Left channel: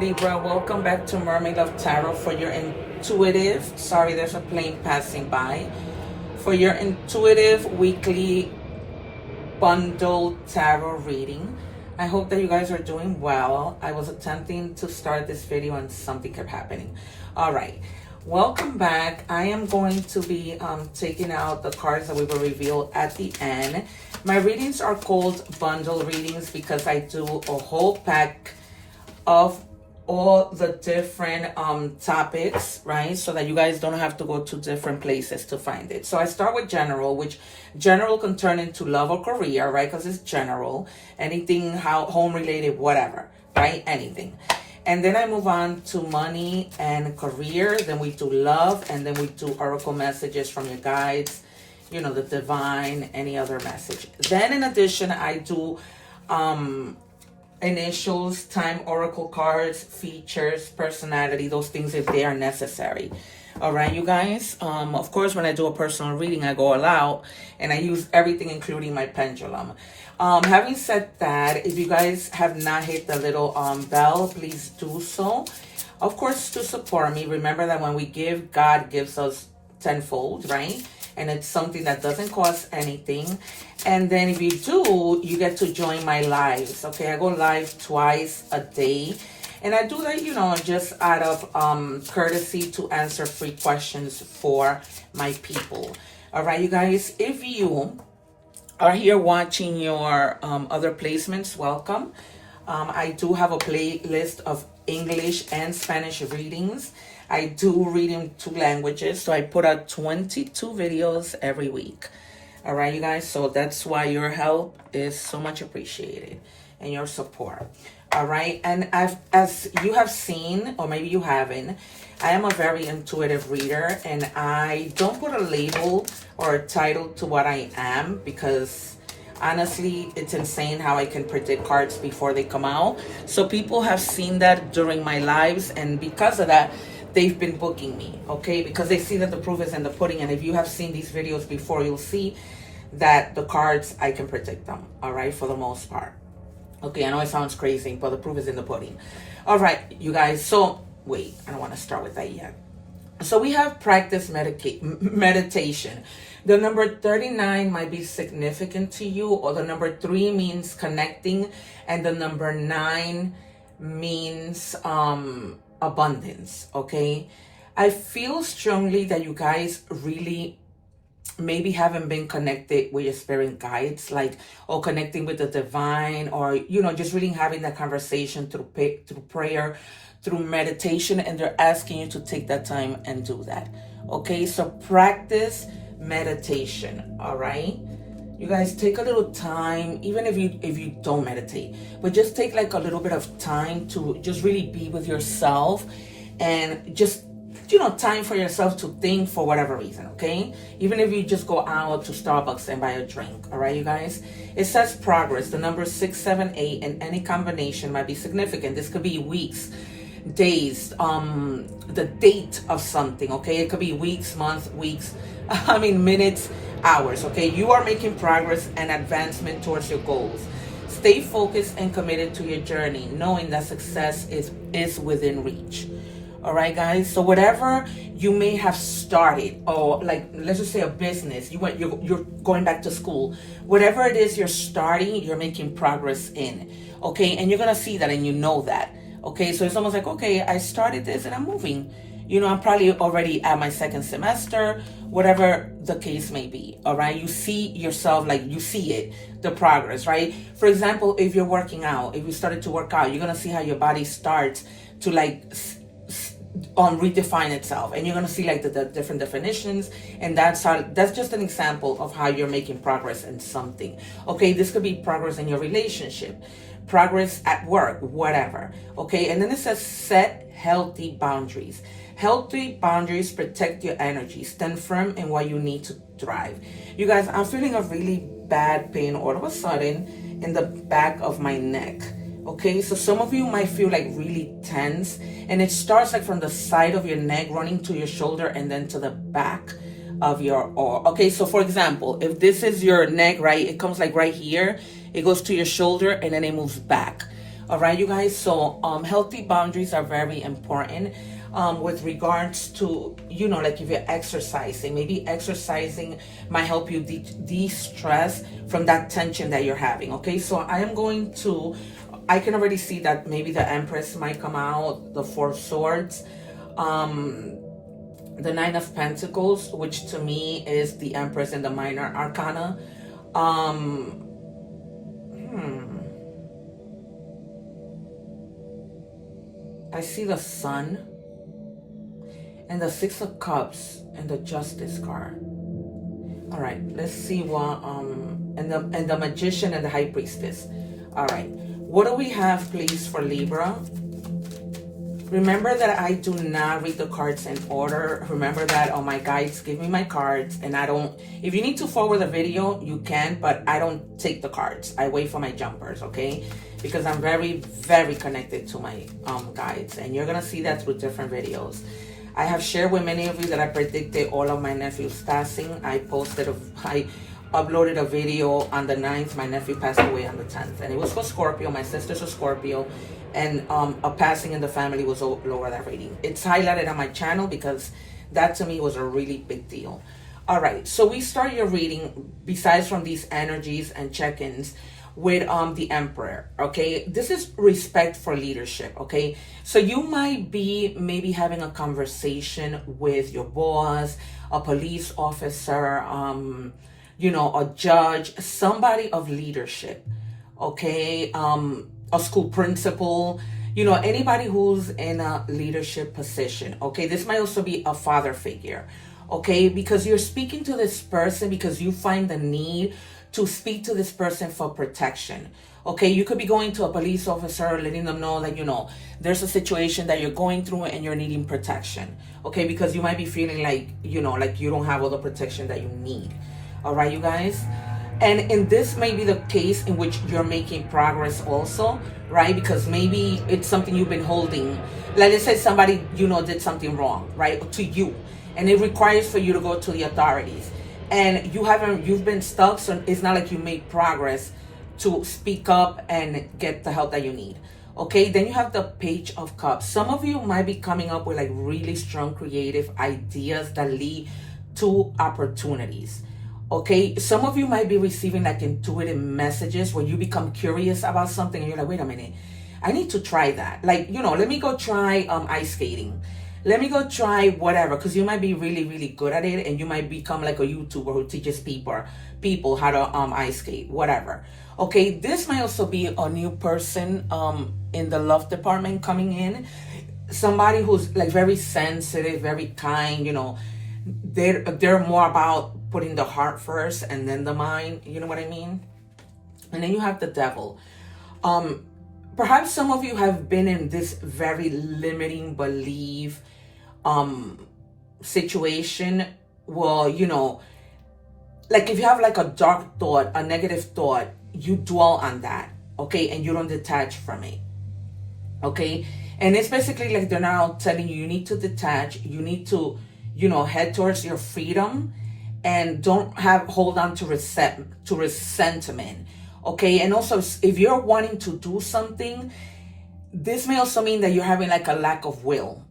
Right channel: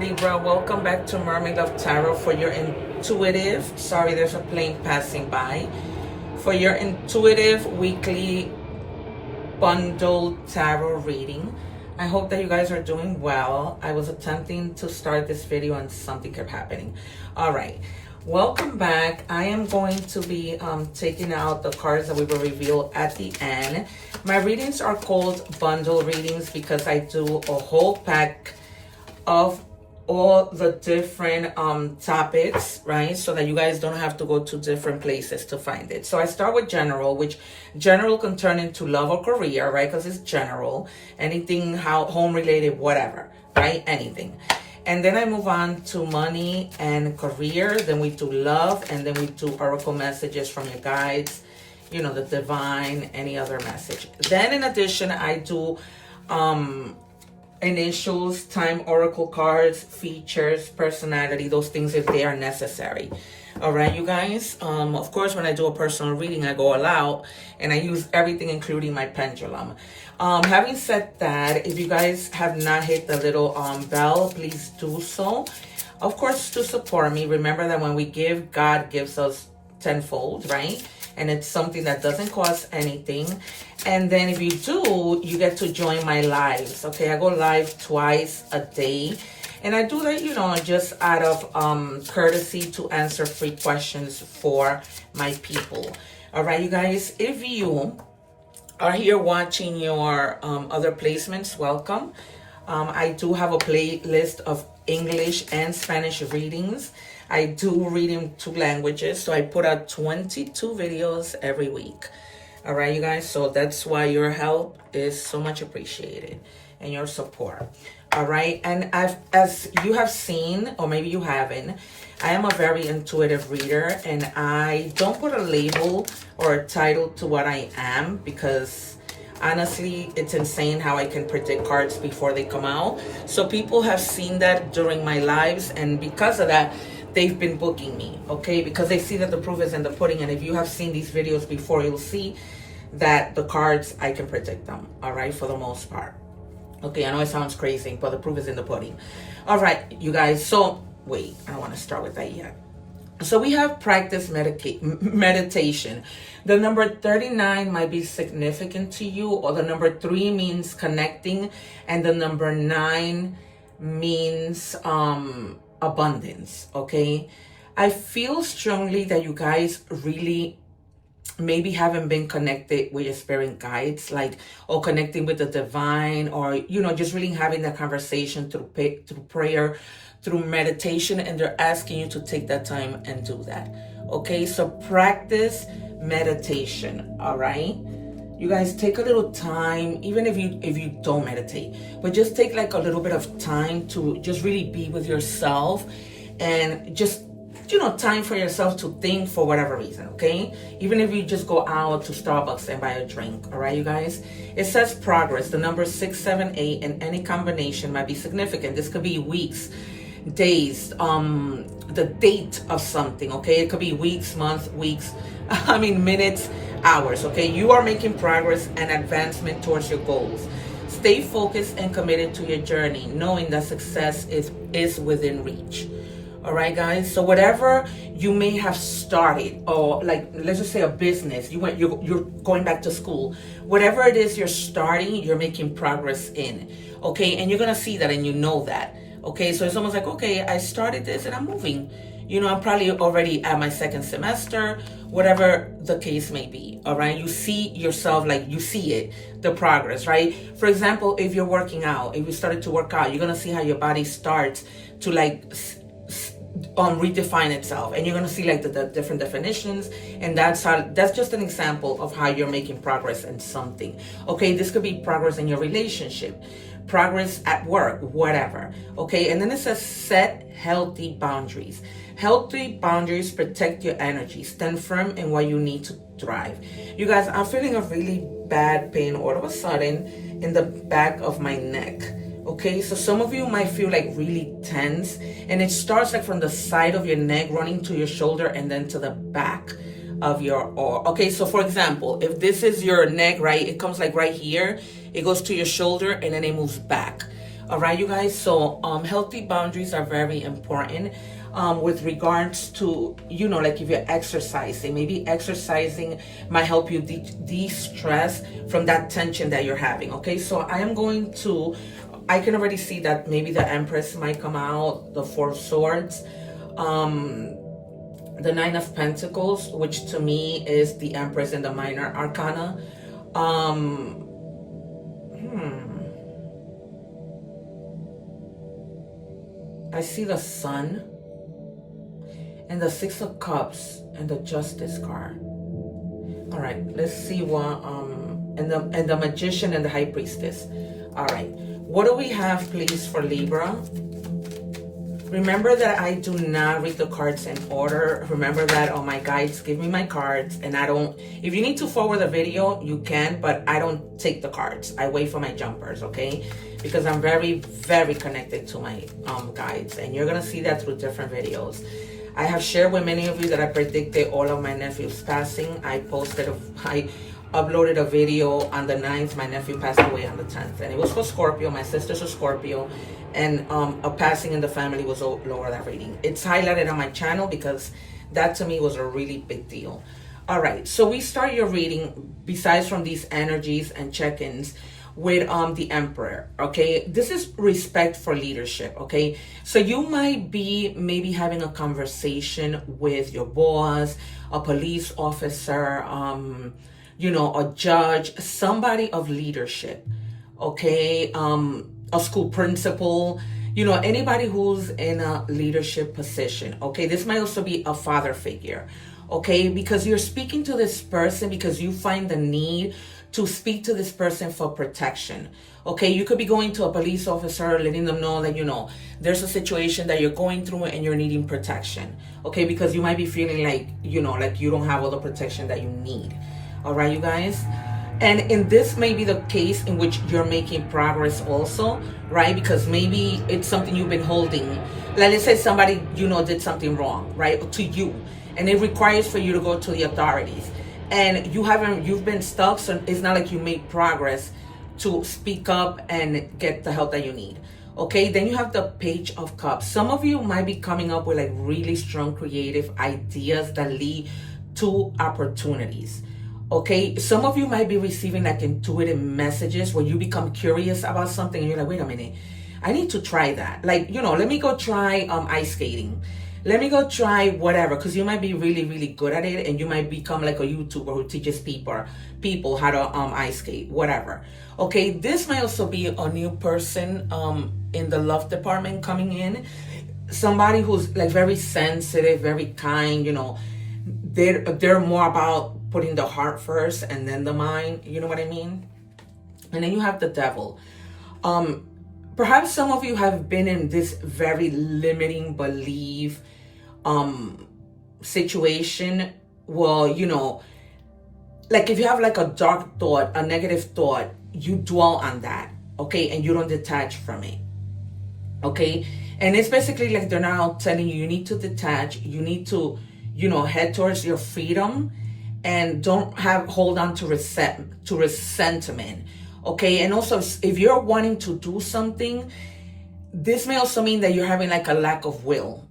Libra, welcome back to Mermaid Love Tarot for your intuitive, sorry there's a plane passing by, for your intuitive weekly bundle tarot reading. I hope that you guys are doing well. I was attempting to start this video and something kept happening. All right, welcome back. I am going to be taking out the cards that we will reveal at the end. My readings are called bundle readings because I do a whole pack of all the different topics, right? So that you guys don't have to go to different places to find it. So I start with general, which general can turn into love or career, right? Because it's general. Anything home related, whatever, right? Anything. And then I move on to money and career. Then we do love, and then we do oracle messages from your guides, you know, the divine, any other message. Then in addition, I do initials, time oracle cards, features, personality, those things if they are necessary. All right, you guys. Of course, when I do a personal reading, I go all out and I use everything, including my pendulum. Having said that, if you guys have not hit the little bell, please do so. Of course, to support me. Remember that when we give, God gives us tenfold, right? And it's something that doesn't cost anything. And then if you do, you get to join my lives. Okay, I go live twice a day. And I do that, you know, just out of courtesy to answer free questions for my people. All right, you guys, if you are here watching your other placements, welcome. I do have a playlist of English and Spanish readings. I do read in 2 languages, so I put out 22 videos every week. All right, you guys, so that's why your help is so much appreciated and your support. All right, and as you have seen, or maybe you haven't, I am a very intuitive reader, and I don't put a label or a title to what I am because honestly, it's insane how I can predict cards before they come out. So people have seen that during my lives, and because of that, they've been booking me, okay? Because they see that the proof is in the pudding. And if you have seen these videos before, you'll see that the cards, I can predict them, all right, for the most part. Okay, I know it sounds crazy, but the proof is in the pudding. All right, you guys, so wait, I don't want to start with that yet. So we have practice meditation. The number 39 might be significant to you, or the number 3 means connecting, and the number 9 means abundance. Okay, I feel strongly that you guys really maybe haven't been connected with your spirit guides, like, or connecting with the divine, or, you know, just really having that conversation through prayer, through meditation, and they're asking you to take that time and do that. Okay, so practice meditation. All right, you guys, take a little time, even if you don't meditate, but just take like a little bit of time to just really be with yourself, and just, you know, time for yourself to think for whatever reason. Okay, even if you just go out to Starbucks and buy a drink. All right, you guys, it says progress. The number 6, 7, 8 in any combination might be significant. This could be weeks, days, the date of something. Okay, it could be weeks, months, minutes, hours. Okay, you are making progress and advancement towards your goals. Stay focused and committed to your journey, knowing that success is within reach. All right, guys, so whatever you may have started, or like, let's just say a business, you're going back to school, whatever it is you're starting, you're making progress in. Okay, and you're gonna see that, and you know that. Okay, so it's almost like, okay, I started this and I'm moving. You know, I'm probably already at my 2nd semester, whatever the case may be. All right, you see yourself, like, you see it, the progress, right? For example, if you're working out, if you started to work out, you're gonna see how your body starts to like redefine itself, and you're gonna see like the different definitions, and that's just an example of how you're making progress in something. Okay, this could be progress in your relationship, progress at work, whatever. Okay, and then it says set healthy boundaries. Healthy boundaries protect your energy. Stand firm in what you need to thrive. You guys, I'm feeling a really bad pain all of a sudden in the back of my neck. Okay, so some of you might feel like really tense, and it starts like from the side of your neck, running to your shoulder, and then to the back of your arm. Okay, so for example, if this is your neck, right, it comes like right here, it goes to your shoulder, and then it moves back. All right, you guys. So healthy boundaries are very important with regards to, you know, like if you're exercising, maybe exercising might help you de-stress from that tension that you're having. Okay, so I can already see that maybe the Empress might come out, the Four of Swords, the Nine of Pentacles, which to me is the Empress in the minor arcana. I see the Sun and the Six of Cups and the Justice card. All right, let's see what and the Magician and the High Priestess. All right, what do we have, please, for Libra? Remember that I do not read the cards in order. Remember that on my guides, give me my cards, and I don't. If you need to forward the video, you can, but I don't take the cards. I wait for my jumpers, okay? Because I'm very, very connected to my guides, and you're gonna see that through different videos. I have shared with many of you that I predicted all of my nephews passing. I uploaded a video on the 9th. My nephew passed away on the 10th, and it was for Scorpio. My sister's a Scorpio, and a passing in the family was lower that rating. It's highlighted on my channel because that to me was a really big deal. All right, so we start your reading, besides from these energies and check-ins, with the Emperor. Okay, this is respect for leadership. Okay, so you might be maybe having a conversation with your boss, a police officer, you know, a judge, somebody of leadership. Okay, a school principal, you know, anybody who's in a leadership position. Okay, this might also be a father figure. Okay, because you're speaking to this person because you find the need to speak to this person for protection. Okay, you could be going to a police officer, letting them know that, you know, there's a situation that you're going through and you're needing protection. Okay, because you might be feeling like, you know, like you don't have all the protection that you need. All right, you guys. And in this may be the case in which you're making progress also, right? Because maybe it's something you've been holding. Like, let's say somebody, you know, did something wrong, right, to you, and it requires for you to go to the authorities. And you've been stuck, so it's not like you made progress to speak up and get the help that you need. Okay, then you have the Page of Cups. Some of you might be coming up with like really strong creative ideas that lead to opportunities. Okay, some of you might be receiving like intuitive messages where you become curious about something and you're like, wait a minute, I need to try that. Like, you know, let me go try ice skating. Let me go try whatever, because you might be really, really good at it, and you might become like a YouTuber who teaches people how to ice skate, whatever. Okay, this might also be a new person in the love department coming in. Somebody who's like very sensitive, very kind, you know, they're more about putting the heart first and then the mind, you know what I mean? And then you have the Devil. Perhaps some of you have been in this very limiting belief situation. Well, you know, like if you have like a dark thought, a negative thought, you dwell on that, okay, and you don't detach from it, okay? And it's basically like they're now telling you need to detach, you need to, you know, head towards your freedom, and don't hold on to resentment. Okay, and also if you're wanting to do something, this may also mean that you're having like a lack of will.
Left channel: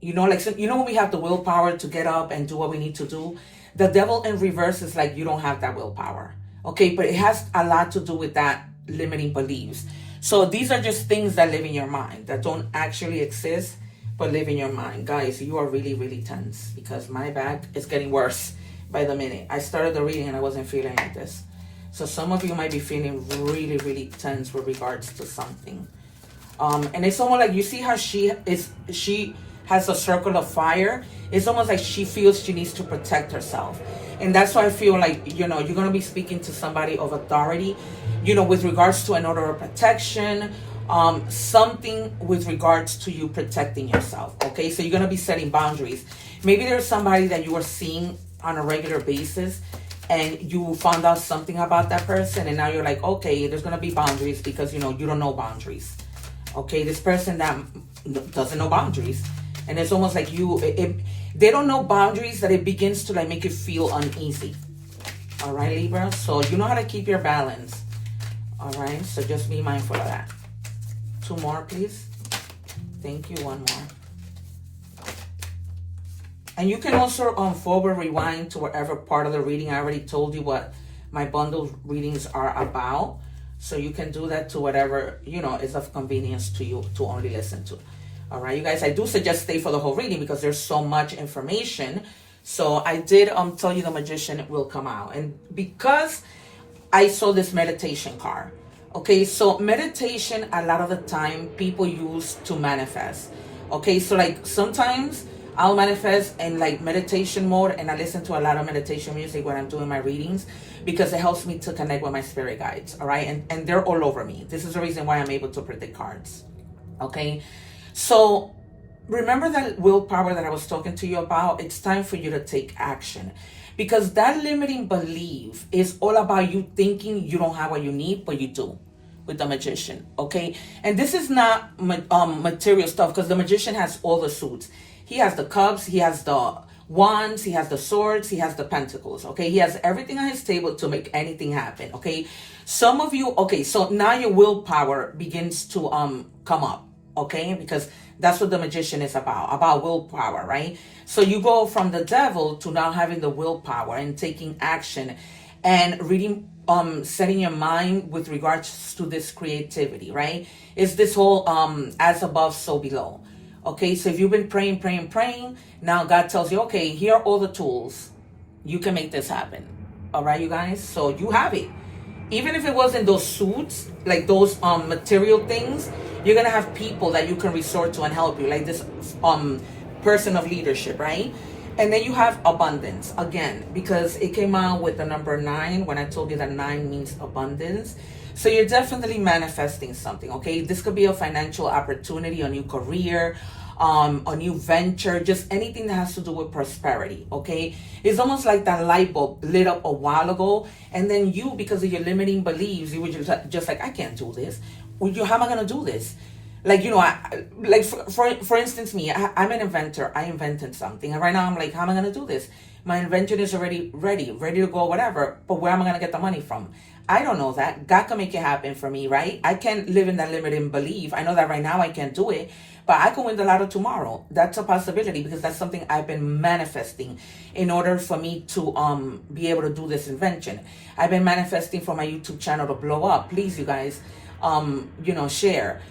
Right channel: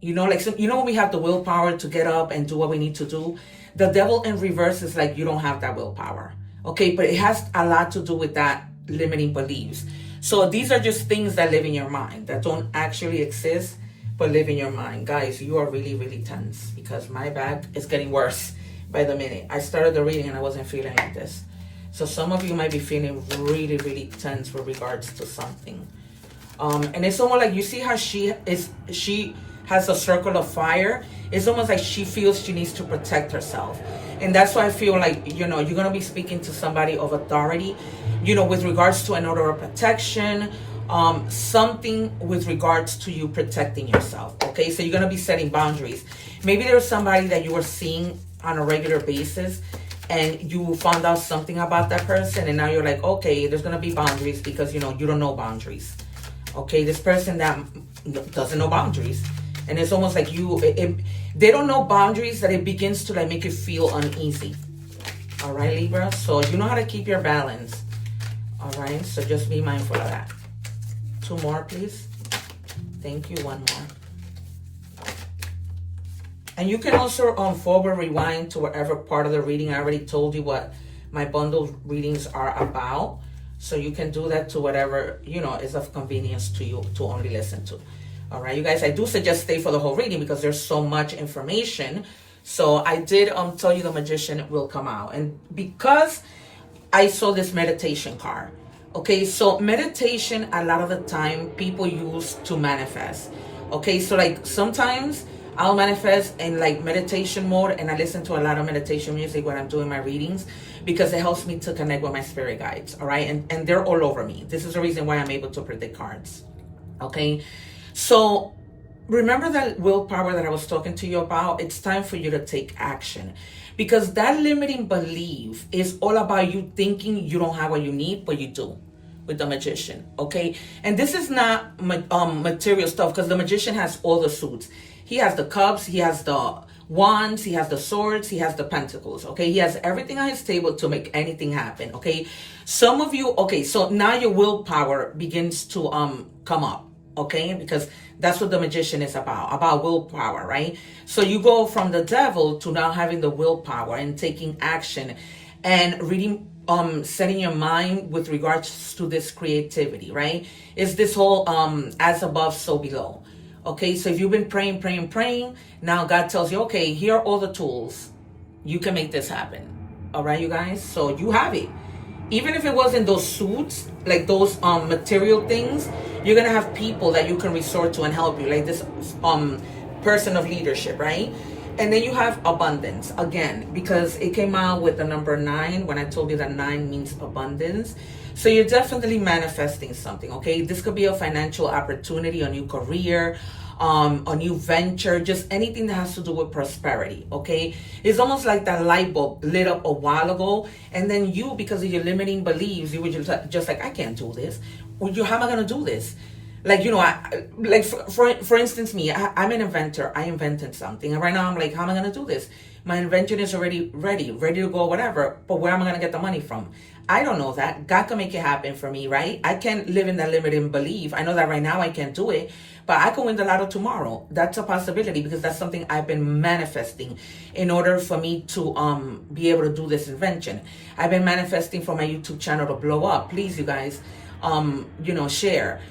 You know, like, you know, when we have the willpower to get up and do what we need to do, the Devil in reverse is like you don't have that willpower. Okay, but it has a lot to do with that limiting beliefs. So these are just things that live in your mind that don't actually exist, but live in your mind. Guys, you are really, really tense because my back is getting worse by the minute. I started the reading and I wasn't feeling like this. So some of you might be feeling really, really tense with regards to something. And it's almost like, you see how she has a circle of fire. It's almost like she feels she needs to protect herself. And that's why I feel like, you know, you're going to be speaking to somebody of authority, you know, with regards to an order of protection, something with regards to you protecting yourself. Okay, so you're going to be setting boundaries. Maybe there's somebody that you are seeing on a regular basis, and you found out something about that person, and now you're like, okay, there's going to be boundaries because, you know, you don't know boundaries. Okay, this person that doesn't know boundaries. And it's almost like they don't know boundaries, that it begins to like make you feel uneasy. All right, Libra? So you know how to keep your balance. All right, so just be mindful of that. 2 more, please. Thank you. 1 more. And you can also forward rewind to whatever part of the reading. I already told you what my bundle readings are about. So you can do that to whatever, you know, is of convenience to you to only listen to. All right, you guys, I do suggest stay for the whole reading because there's so much information. So I did tell you the magician will come out. And because I saw this meditation card, okay, so meditation, a lot of the time people use to manifest. Okay, so like sometimes I'll manifest in like meditation mode, and I listen to a lot of meditation music when I'm doing my readings because it helps me to connect with my spirit guides. All right, and they're all over me. This is the reason why I'm able to predict cards. Okay, so remember that willpower that I was talking to you about? It's time for you to take action, because that limiting belief is all about you thinking you don't have what you need, but you do with the magician. Okay, and this is not material stuff, because the magician has all the suits. He has the cups, he has the wands, he has the swords, he has the pentacles. Okay, he has everything on his table to make anything happen. Okay, some of you, okay, so now your willpower begins to come up. Okay, because that's what the magician is about willpower, right? So you go from the devil to now having the willpower and taking action and reading, setting your mind with regards to this creativity, right? It's this whole as above, so below. Okay, so if you've been praying, now God tells you, okay, here are all the tools. You can make this happen. All right, you guys? So you have it. Even if it wasn't those suits, like those material things, you're going to have people that you can resort to and help you, like this person of leadership, right? And then you have abundance, again, because it came out with the number 9 when I told you that 9 means abundance. So you're definitely manifesting something, okay? This could be a financial opportunity, a new career, a new venture, just anything that has to do with prosperity, okay? It's almost like that light bulb lit up a while ago, and then you, because of your limiting beliefs, you were just like, I can't do this. How am I going to do this? Like, you know, for instance, me, I'm an inventor. I invented something. And right now I'm like, how am I going to do this? My invention is already ready to go, whatever. But where am I going to get the money from? I don't know that. God can make it happen for me, right? I can't live in that limiting belief. I know that right now I can't do it, but I can win the lotto tomorrow. That's a possibility, because that's something I've been manifesting in order for me to be able to do this invention. I've been manifesting for my YouTube channel to blow up. Please, you guys, share.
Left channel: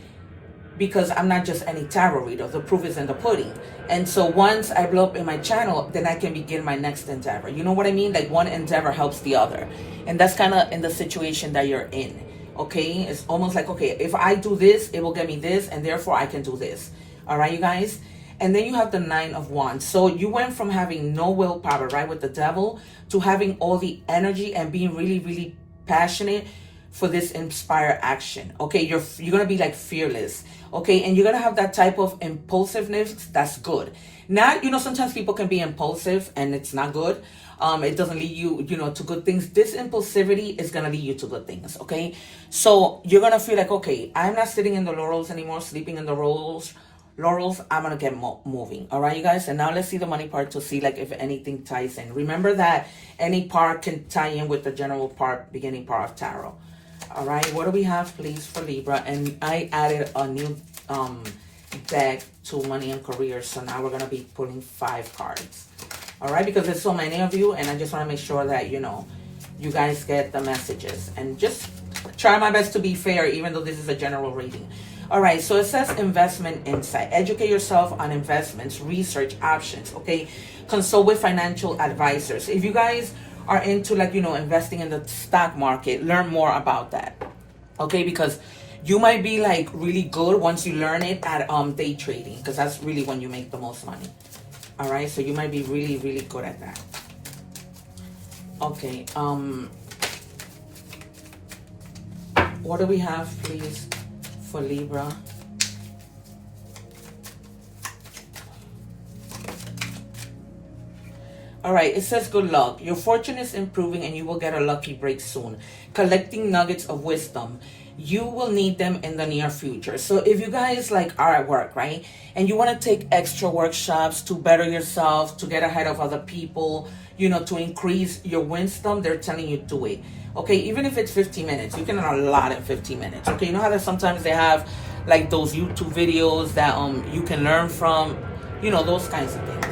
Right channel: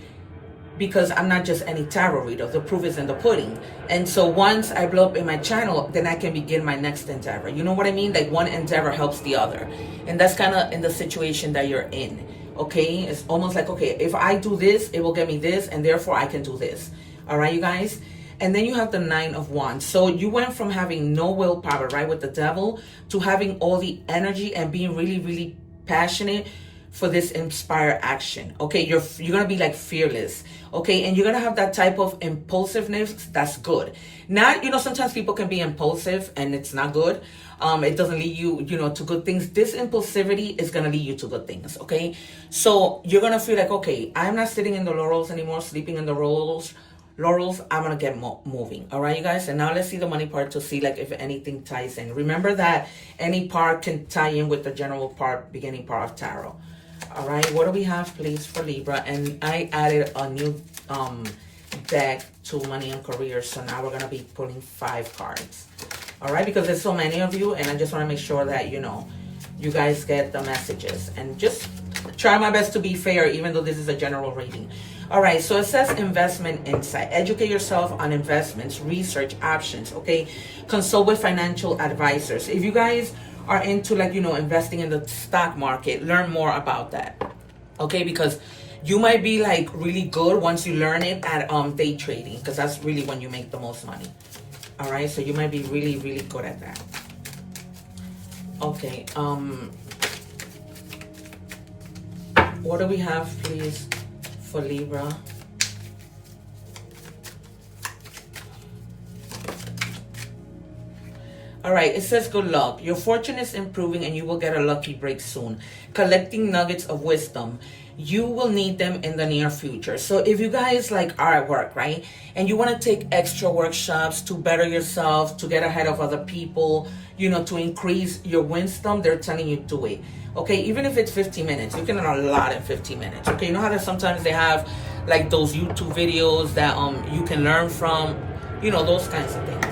Because I'm not just any tarot reader. The proof is in the pudding. And so once I blow up in my channel, then I can begin my next endeavor. You know what I mean? Like one endeavor helps the other. And that's kind of in the situation that you're in. Okay? It's almost like, okay, if I do this, it will get me this, and therefore I can do this. All right, you guys? And then you have the 9 of Wands. So you went from having no willpower, right, with the devil, to having all the energy and being really, really passionate for this inspired action. Okay, you're gonna be like fearless. Okay, and you're gonna have that type of impulsiveness that's good. Not, sometimes people can be impulsive and it's not good. It doesn't lead you, to good things. This impulsivity is gonna lead you to good things. Okay, so you're gonna feel like, okay, I'm not sitting in the laurels anymore, sleeping in the laurels. I'm gonna get moving. All right, you guys. And now let's see the money part to see like if anything ties in. Remember that any part can tie in with the general part, beginning part of tarot. All right, what do we have, please, for Libra? And I added a new deck to money and career, so now we're gonna be pulling 5 cards. All right, because there's so many of you, and I just want to make sure that you guys get the messages, and just try my best to be fair, even though this is a general reading. All right, so it says investment insight. Educate yourself on investments, research options. Okay, consult with financial advisors. If you guys are into investing in the stock market, learn more about that. Okay, because you might be like really good once you learn it at day trading, because that's really when you make the most money. All right, so you might be really, really good at that. Okay, what do we have, please, for Libra? All right, it says good luck. Your fortune is improving and you will get a lucky break soon. Collecting nuggets of wisdom. You will need them in the near future. So if you guys are at work, right, and you want to take extra workshops to better yourself, to get ahead of other people, to increase your wisdom, they're telling you do it. Okay, even if it's 15 minutes, you can learn a lot in 15 minutes. Okay, you know how that sometimes they have like those YouTube videos that you can learn from, you know, those kinds of things.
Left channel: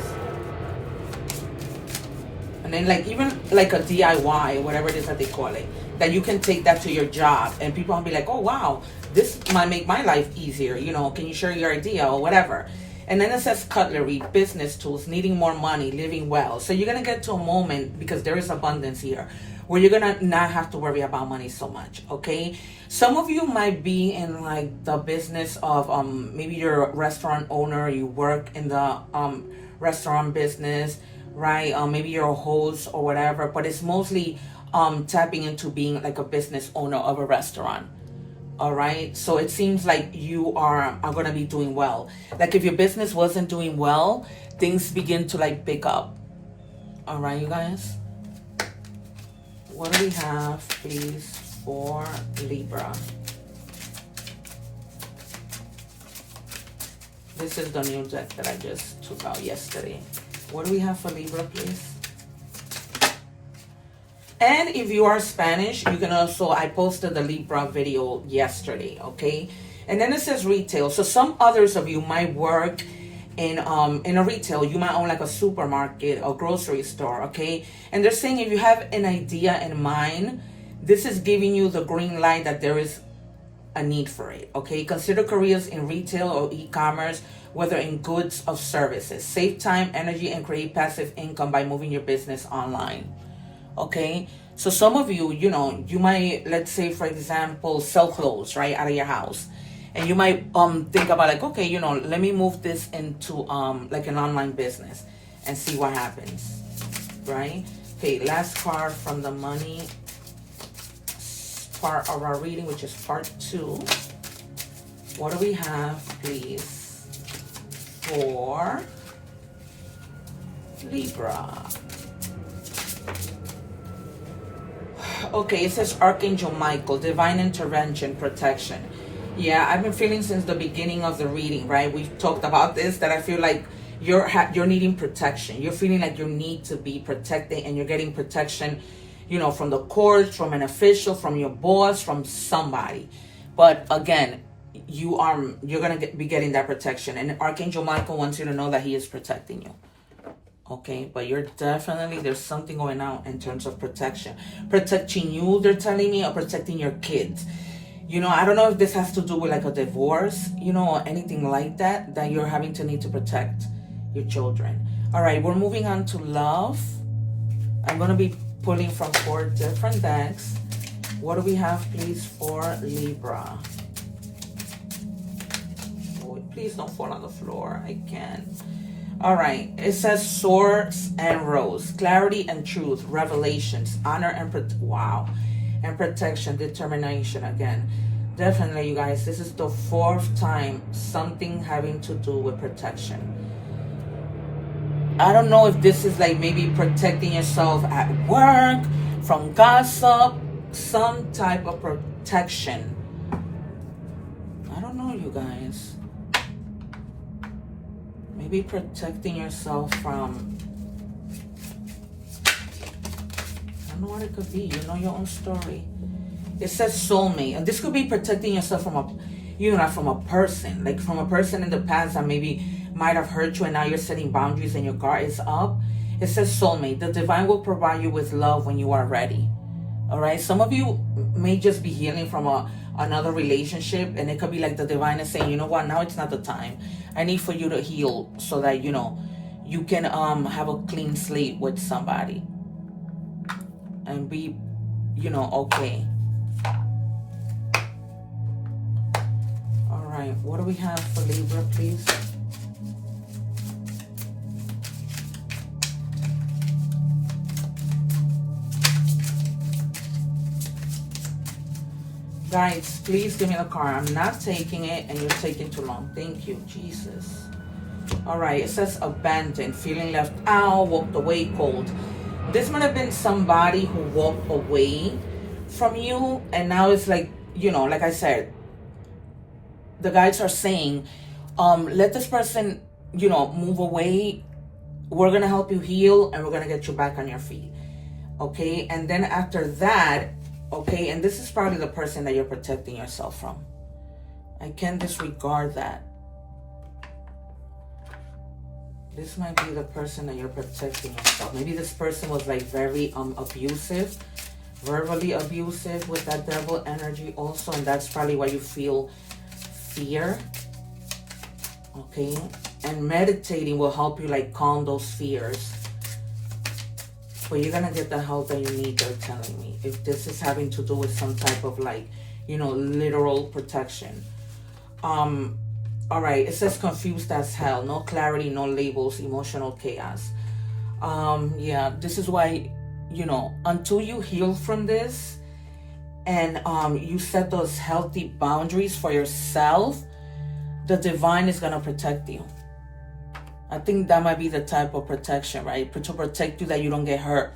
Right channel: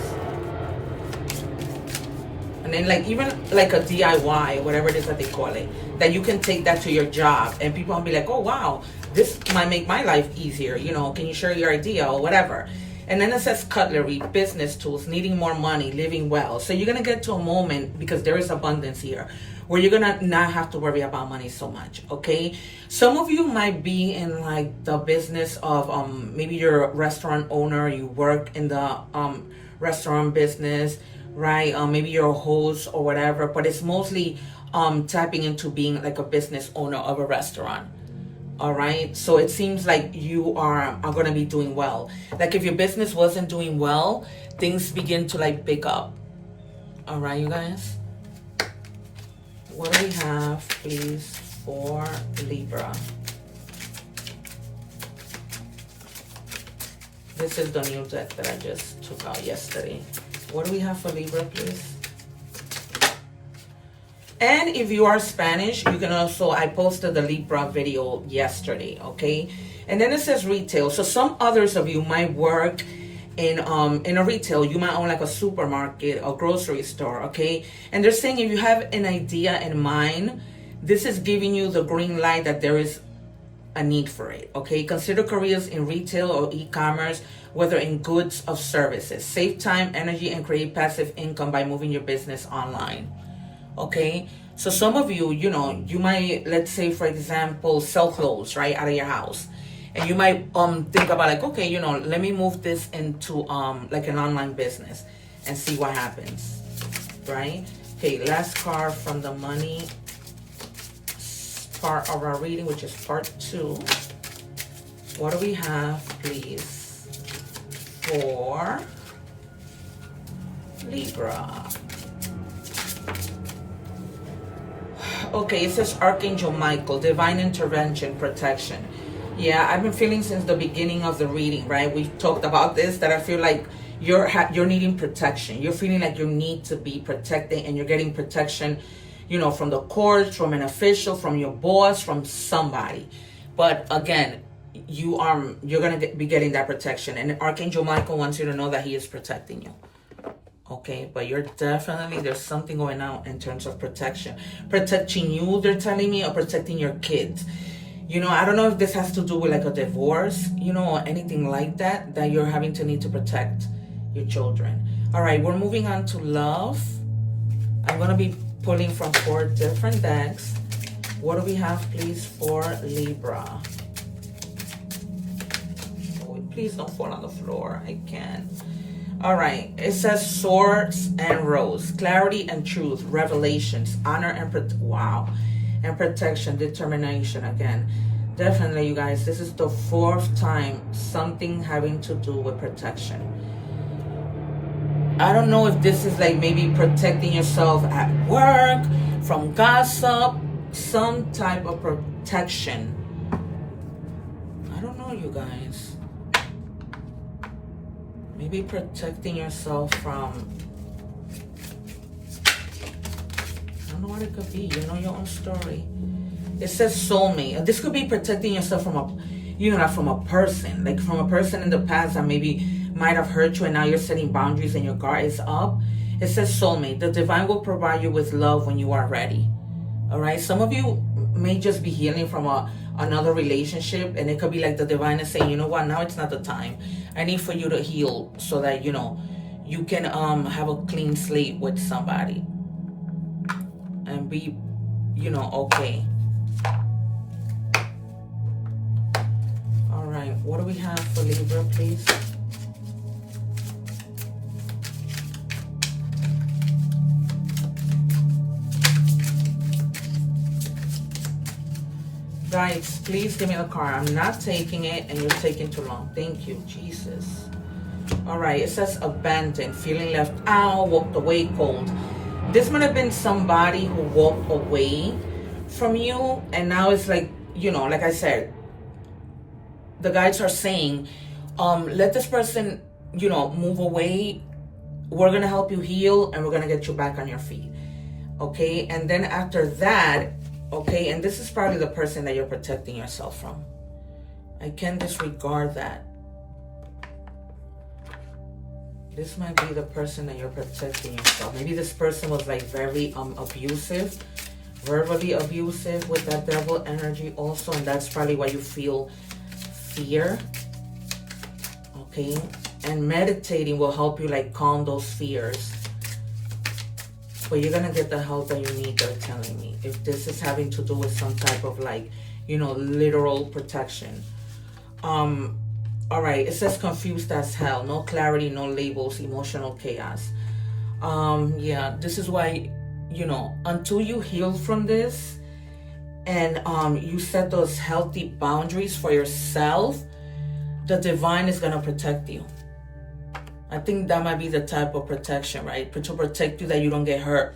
And then like even like a DIY, whatever it is that they call it, that you can take that to your job and people will be like, oh wow, this might make my life easier, you know, can you share your idea or whatever. And then it says cutlery, business tools, needing more money, living well. So you're going to get to a moment, because there is abundance here, where you're going to not have to worry about money so much, okay? Some of you might be in like the business of maybe you're a restaurant owner, you work in the restaurant business, right? Maybe you're a host or whatever, but it's mostly tapping into being like a business owner of a restaurant. All right, so it seems like you are going to be doing well. Like if your business wasn't doing well, things begin to like pick up. All right, you guys. What do we have, please, for Libra? This is the new deck that I just took out yesterday. What do we have for Libra, please? And if you are Spanish, you can also, I posted the Libra video yesterday, okay? And then it says retail. So some others of you might work in a retail. You might own like a supermarket or grocery store, okay? And they're saying if you have an idea in mind, this is giving you the green light that there is a need for it, okay? Consider careers in retail or e-commerce, whether in goods or services. Save time, energy, and create passive income by moving your business online. Okay, so some of you, you know, you might, let's say for example, sell clothes right out of your house, and you might think about like, okay, you know, let me move this into like an online business and see what happens, right? Okay, last card from the money part of our reading, which is part 2. What do we have, please, for Libra? Okay, it says Archangel Michael, divine intervention, protection. Yeah, I've been feeling since the beginning of the reading, right? We've talked about this, that I feel like you're needing protection. You're feeling like you need to be protected, and you're getting protection, you know, from the courts, from an official, from your boss, from somebody. But again, you're gonna be getting that protection, and Archangel Michael wants you to know that he is protecting you. Okay, but you're definitely, there's something going on in terms of protection. Protecting you, they're telling me, or protecting your kids. You know, I don't know if this has to do with like a divorce, you know, or anything like that, that you're having to need to protect your children. All right, we're moving on to love. I'm going to be pulling from 4 different decks. What do we have, please, for Libra? Oh, please don't fall on the floor. I can't. All right, it says swords and rose, clarity and truth, revelations, honor and and protection, determination. Again, definitely, you guys, this is the 4th time something having to do with protection. I don't know if this is like maybe protecting yourself at work, from gossip, some type of protection. I don't know, you guys. Maybe protecting yourself from, I don't know what it could be. You know your own story. It says soulmate. And this could be protecting yourself from from a person. Like from a person in the past that maybe might have hurt you, and now you're setting boundaries and your guard is up. It says soulmate. The divine will provide you with love when you are ready. All right. Some of you may just be healing from another relationship, and it could be like the divine is saying, you know what, now it's not the time. I need for you to heal so that, you know, you can have a clean slate with somebody and be, you know, okay. All right, what do we have for Libra, please? Guys, please give me a card. I'm not taking it, and you're taking too long. Thank you, Jesus. All right, it says abandoned, feeling left out, walked away cold. This might have been somebody who walked away from you, and now it's like, you know, like I said, the guides are saying, let this person, you know, move away. We're going to help you heal, and we're going to get you back on your feet. Okay, and then after that, okay, and this is probably the person that you're protecting yourself from. I can't disregard that. This might be the person that you're protecting yourself. Maybe this person was like very abusive, verbally abusive with that devil energy also, and that's probably why you feel fear. Okay, and meditating will help you like calm those fears. But you're gonna get the help that you need, they're telling me. If this is having to do with some type of like, you know, literal protection. All right, it says confused as hell. No clarity, no labels, emotional chaos. Yeah, this is why, you know, until you heal from this and you set those healthy boundaries for yourself, the divine is going to protect you. I think that might be the type of protection, right? To protect you that you don't get hurt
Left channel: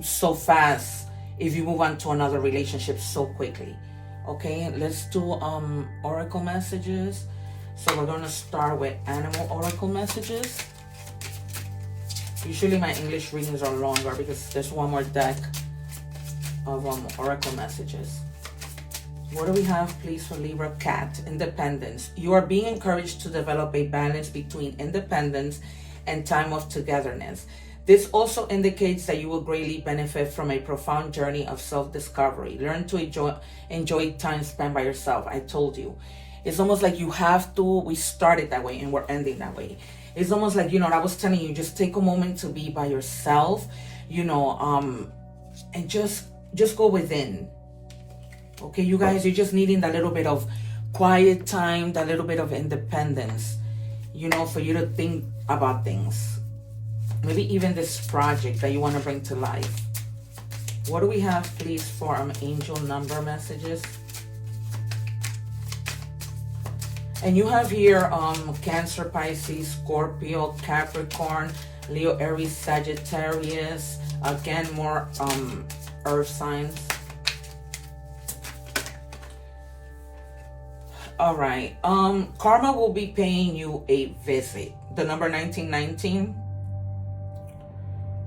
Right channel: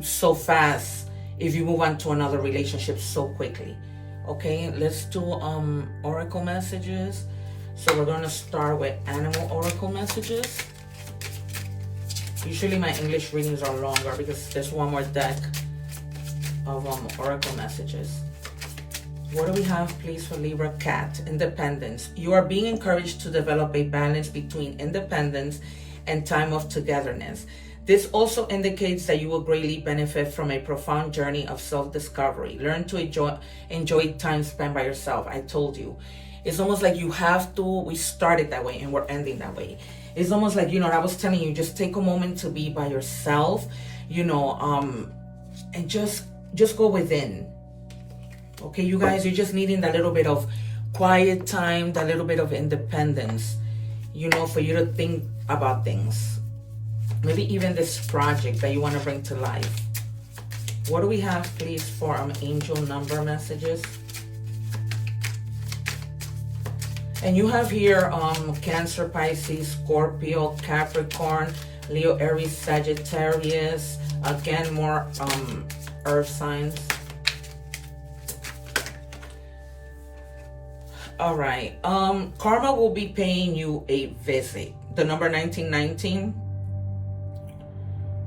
so fast if you move on to another relationship so quickly. Okay, let's do oracle messages. So we're going to start with animal oracle messages. Usually my English readings are longer because there's one more deck of oracle messages. What do we have, please, for Libra? Cat, independence. You are being encouraged to develop a balance between independence and time of togetherness. This also indicates that you will greatly benefit from a profound journey of self-discovery. Learn to enjoy time spent by yourself. I told you. It's almost like you have to, we started that way and we're ending that way. It's almost like, you know, I was telling you, just take a moment to be by yourself, you know, and just go within. Okay, you guys, you're just needing that little bit of quiet time, that little bit of independence, you know, for you to think about things. Maybe even this project that you want to bring to life. What do we have, please, for angel number messages? And you have here Cancer, Pisces, Scorpio, Capricorn, Leo, Aries, Sagittarius. Again, more earth signs. All right. Karma will be paying you a visit. The number 1919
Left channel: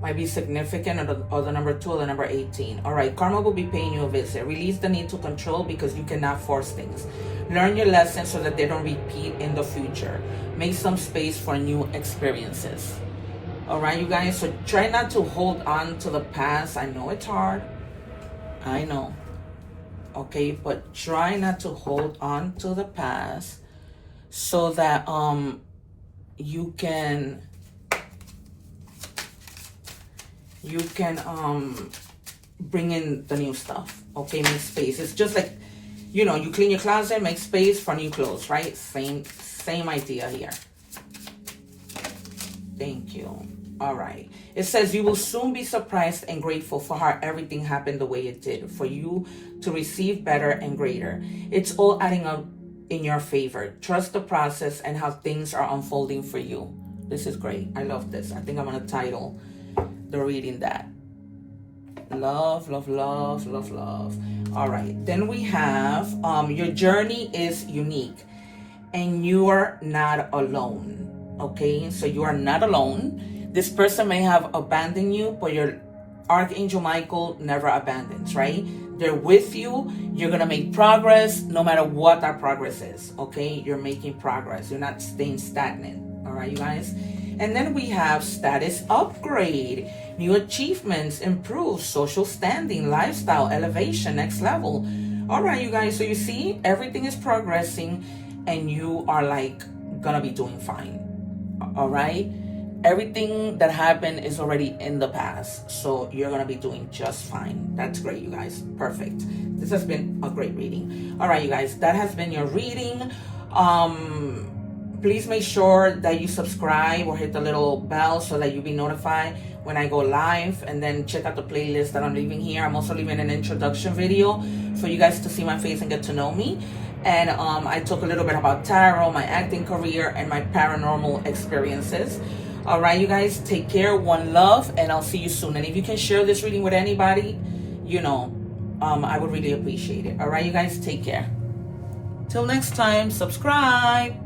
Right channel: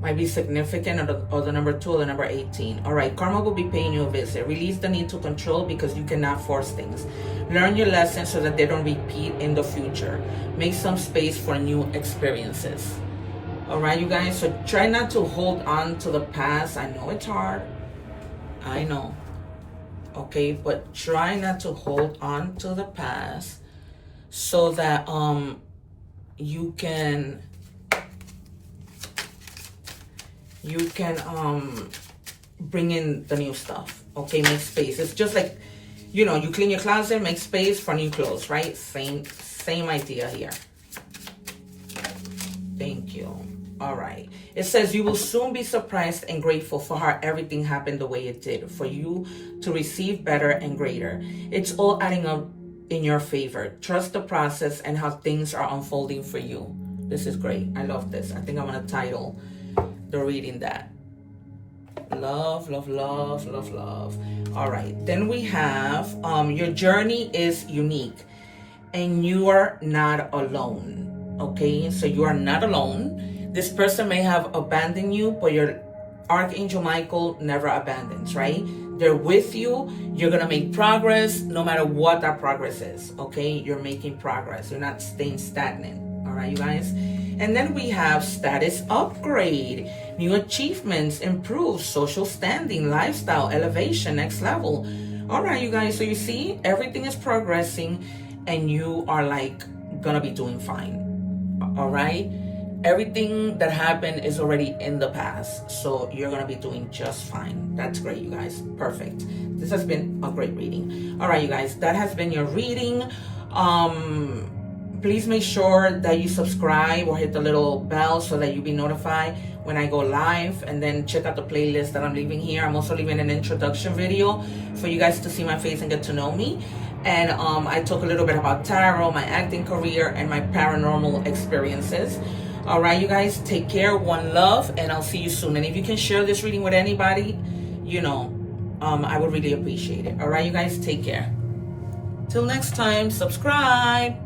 might be significant, or the number 2 or the number 18. All right. Karma will be paying you a visit. Release the need to control because you cannot force things. Learn your lessons so that they don't repeat in the future. Make some space for new experiences. All right, you guys. So try not to hold on to the past. I know it's hard. I know. Okay, but try not to hold on to the past so that you can bring in the new stuff. Okay, make space. It's just like, you know, you clean your closet, make space for new clothes, right? Same idea here. Thank you. All right. It says you will soon be surprised and grateful for how everything happened the way it did, for you to receive better and greater. It's all adding up in your favor. Trust the process and how things are unfolding for you. This is great. I love this. I think I'm going to title the reading that. Love, love, love, love, love. All right. Then we have your journey is unique and you are not alone. Okay. So you are not alone. This person may have abandoned you, but your Archangel Michael never abandons, right? They're with you. You're going to make progress no matter what that progress is, okay? You're making progress. You're not staying stagnant, all right, you guys? And then we have status upgrade, new achievements, improved social standing, lifestyle, elevation, next level. All right, you guys, so you see, everything is progressing and you are like going to be doing fine, all right? Everything that happened is already in the past, so you're going to be doing just fine. That's great, you guys. Perfect. This has been a great reading. All right, you guys, that has been your reading. Please make sure that you subscribe or hit the little bell so that you'll be notified when I go live, and then check out the playlist that I'm leaving here. I'm also leaving an introduction video for you guys to see my face and get to know me. And I talk a little bit about tarot, my acting career, and my paranormal experiences. All right, you guys, take care, one love, and I'll see you soon. And if you can share this reading with anybody, you know, I would really appreciate it. All right, you guys, take care. Till next time, subscribe.